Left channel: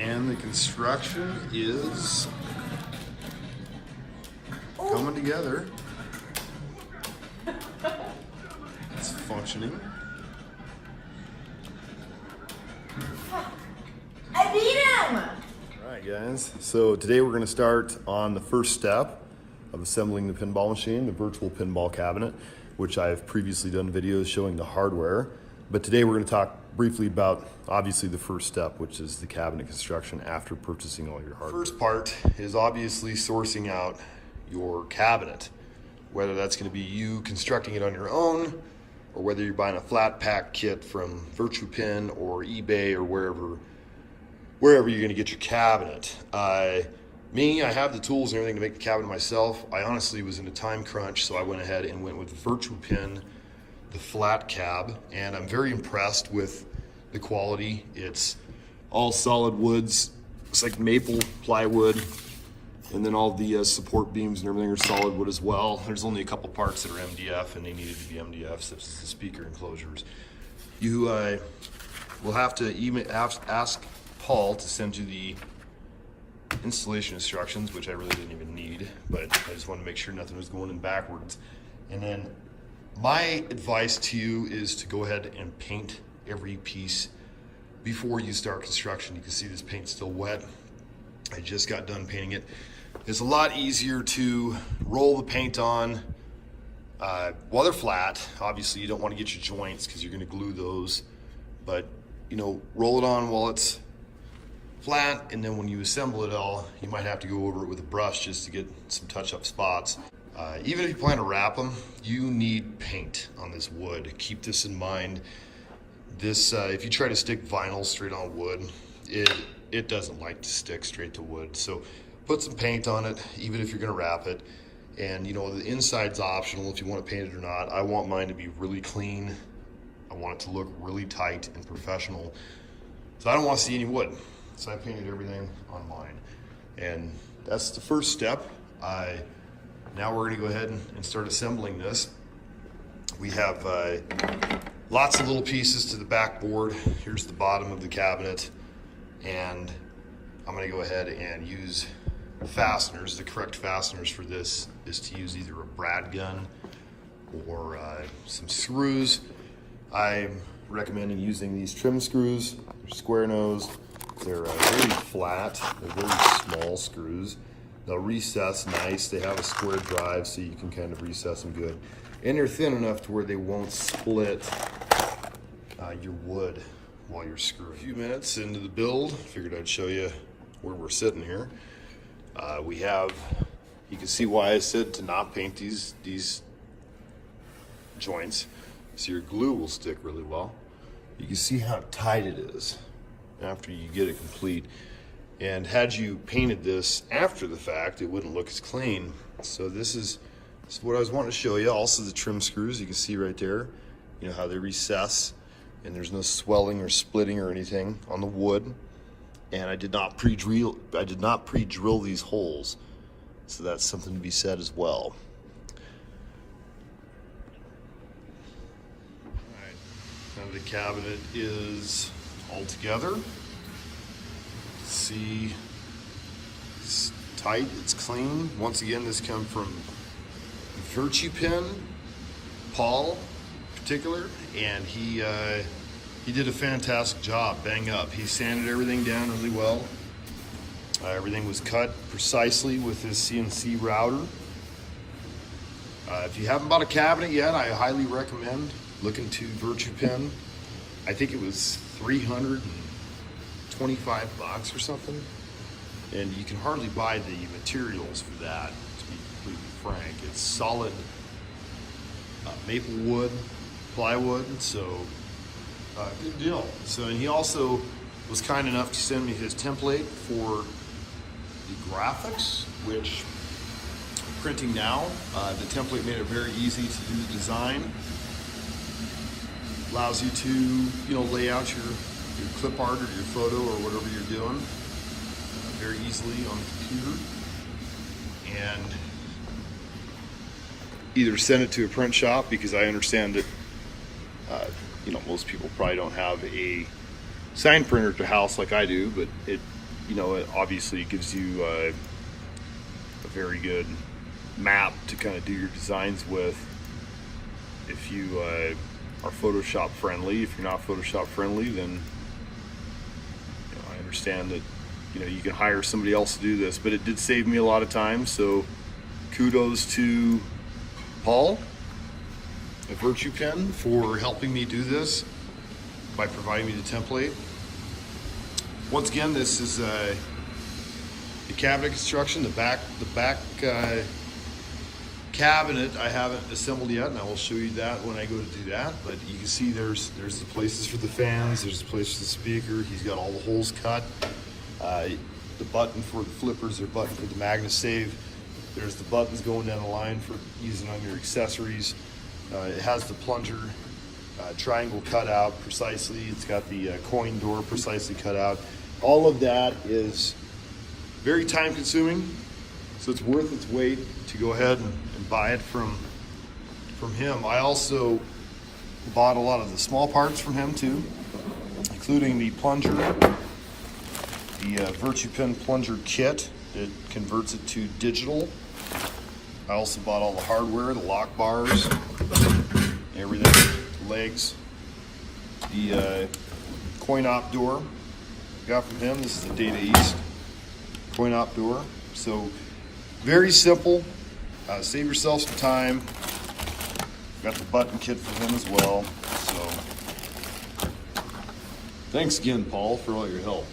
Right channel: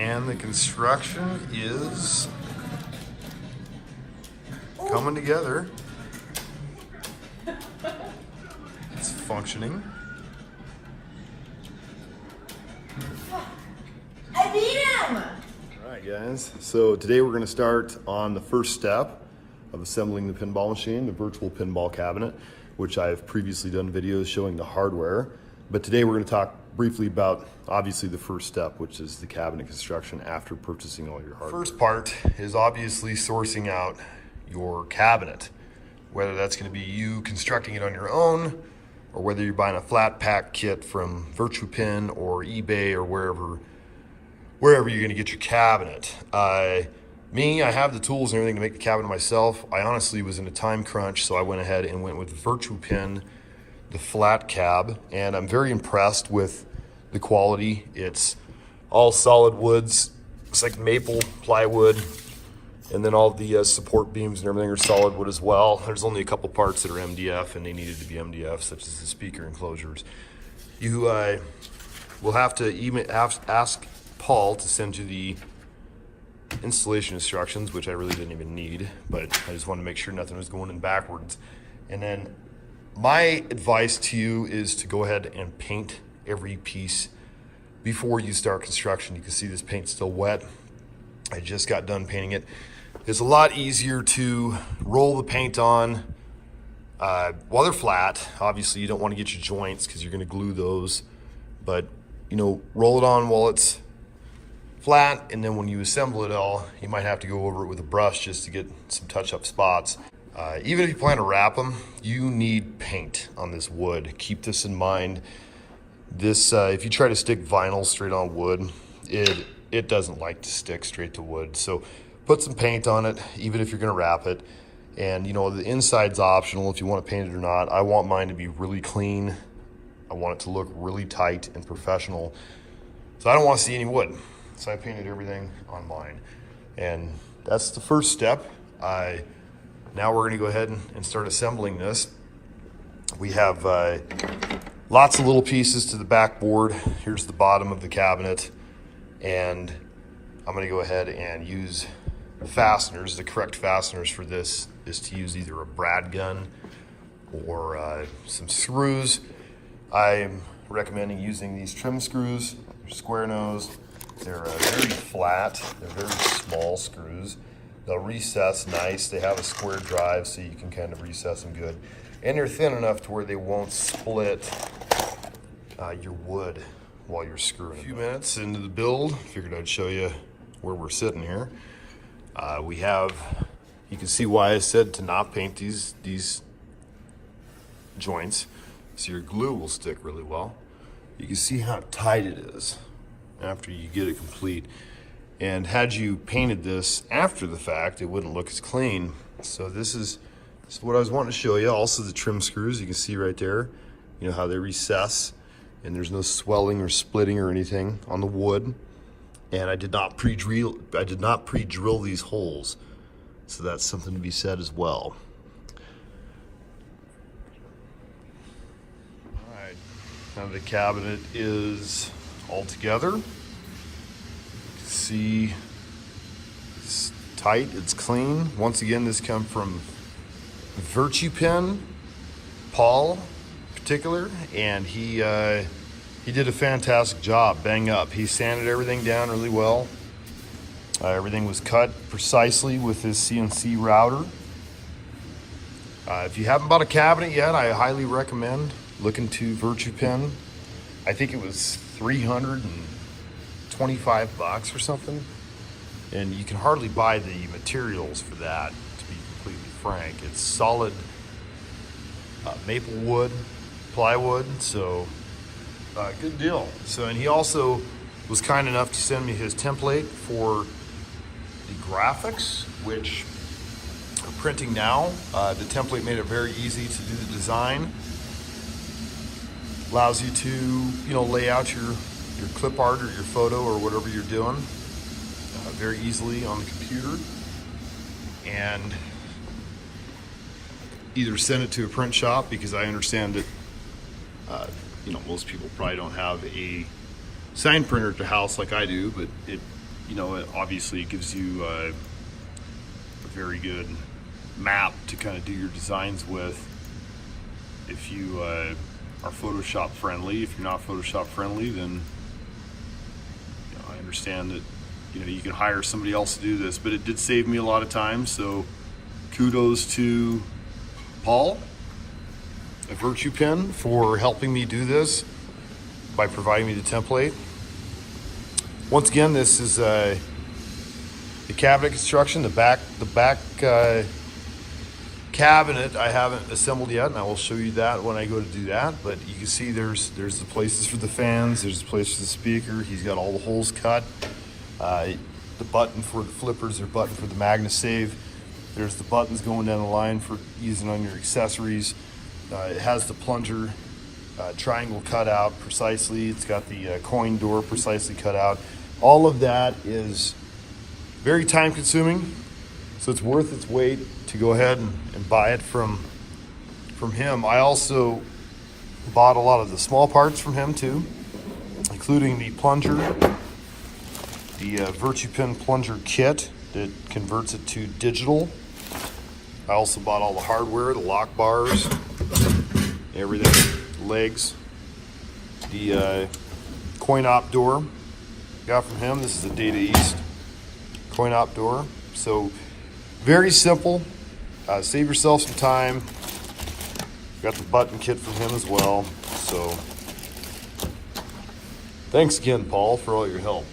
And the construction is coming together. It's functioning. I beat him! All right, guys. So today we're going to start on the first step of assembling the pinball machine, the virtual pinball cabinet, which I've previously done videos showing the hardware. But today we're going to talk briefly about, obviously, the first step, which is the cabinet construction after purchasing all your hardware. First part is obviously sourcing out your cabinet, whether that's going to be you constructing it on your own, or whether you're buying a flat pack kit from VirtuPin or eBay or wherever you're going to get your cabinet. I have the tools and everything to make the cabinet myself. I honestly was in a time crunch, so I went ahead and went with VirtuPin, the flat cab, and I'm very impressed with the quality. It's all solid woods. It's like maple plywood, and then all the support beams and everything are solid wood as well. There's only a couple parts that are MDF, and they needed to be MDF, such as the speaker enclosures. You will have to ask Paul to send you the installation instructions, which I really didn't even need, but I just wanted to make sure nothing was going in backwards. And then my advice to you is to go ahead and paint every piece before you start construction. You can see this paint's still wet. I just got done painting it. It's a lot easier to roll the paint on while they're flat. Obviously, you don't want to get your joints because you're going to glue those, but roll it on while it's flat, and then when you assemble it all, you might have to go over it with a brush just to get some touch-up spots. Even if you plan to wrap them, you need paint on this wood. Keep this in mind. This, if you try to stick vinyl straight on wood, it doesn't like to stick straight to wood. So put some paint on it, even if you're gonna wrap it. And the inside's optional if you want to paint it or not. I want mine to be really clean. I want it to look really tight and professional. So I don't want to see any wood. So I painted everything on mine. And that's the first step. Now we're gonna go ahead and start assembling this. We have lots of little pieces to the backboard. Here's the bottom of the cabinet. And I'm gonna go ahead and use fasteners. The correct fasteners for this is to use either a brad gun or some screws. I'm recommending using these trim screws. They're square nose. They're very flat. They're very small screws. They'll recess nice. They have a square drive, so you can kind of recess them good. And they're thin enough to where they won't split your wood while you're screwing. A few minutes into the build, figured I'd show you where we're sitting here. You can see why I said to not paint these joints, so your glue will stick really well. You can see how tight it is after you get it complete. And had you painted this after the fact, it wouldn't look as clean. So this is what I was wanting to show you. Also the trim screws, you can see right there, how they recess, and there's no swelling or splitting or anything on the wood. And I did not pre-drill these holes. So that's something to be said as well. All right, now the cabinet is all together. See, it's tight, it's clean. Once again, this comes from VirtuPin, Paul in particular, and he did a fantastic job. Bang up. He sanded everything down really well. Everything was cut precisely with his CNC router. If you haven't bought a cabinet yet, I highly recommend looking to VirtuPin. I think it was $325 or something, and you can hardly buy the materials for that, to be completely frank. It's solid maple wood, plywood, so good deal. So, and he also was kind enough to send me his template for the graphics, which I'm printing now. The template made it very easy to do the design. Allows you to, lay out your clip art or your photo or whatever you're doing very easily on the computer, and either send it to a print shop, because I understand that most people probably don't have a sign printer at their house like I do, but you know, it gives you a very good map to kind of do your designs with. If you are Photoshop friendly, if you're not Photoshop friendly, then you know, I understand that you can hire somebody else to do this, but it did save me a lot of time. So kudos to Paul at Virtue Pen for helping me do this by providing me the template. Once again, this is the cabinet construction. The back cabinet I haven't assembled yet, and I will show you that when I go to do that. But you can see there's the places for the fans, there's the place for the speaker. He's got all the holes cut. The button for the flippers, or button for the MagnaSave. There's the buttons going down the line for using on your accessories. It has the plunger triangle cut out precisely. It's got the coin door precisely cut out. All of that is very time consuming, so it's worth its weight to go ahead and buy it from him. I also bought a lot of the small parts from him too, including the plunger, the Virtue Pen plunger kit that converts it to digital. I also bought all the hardware, the lock bars, everything, legs, the coin op door got from him. This is a Data East coin op door. So very simple. Save yourself some time. Got the button kit from him as well. So thanks again, Paul, for all your help.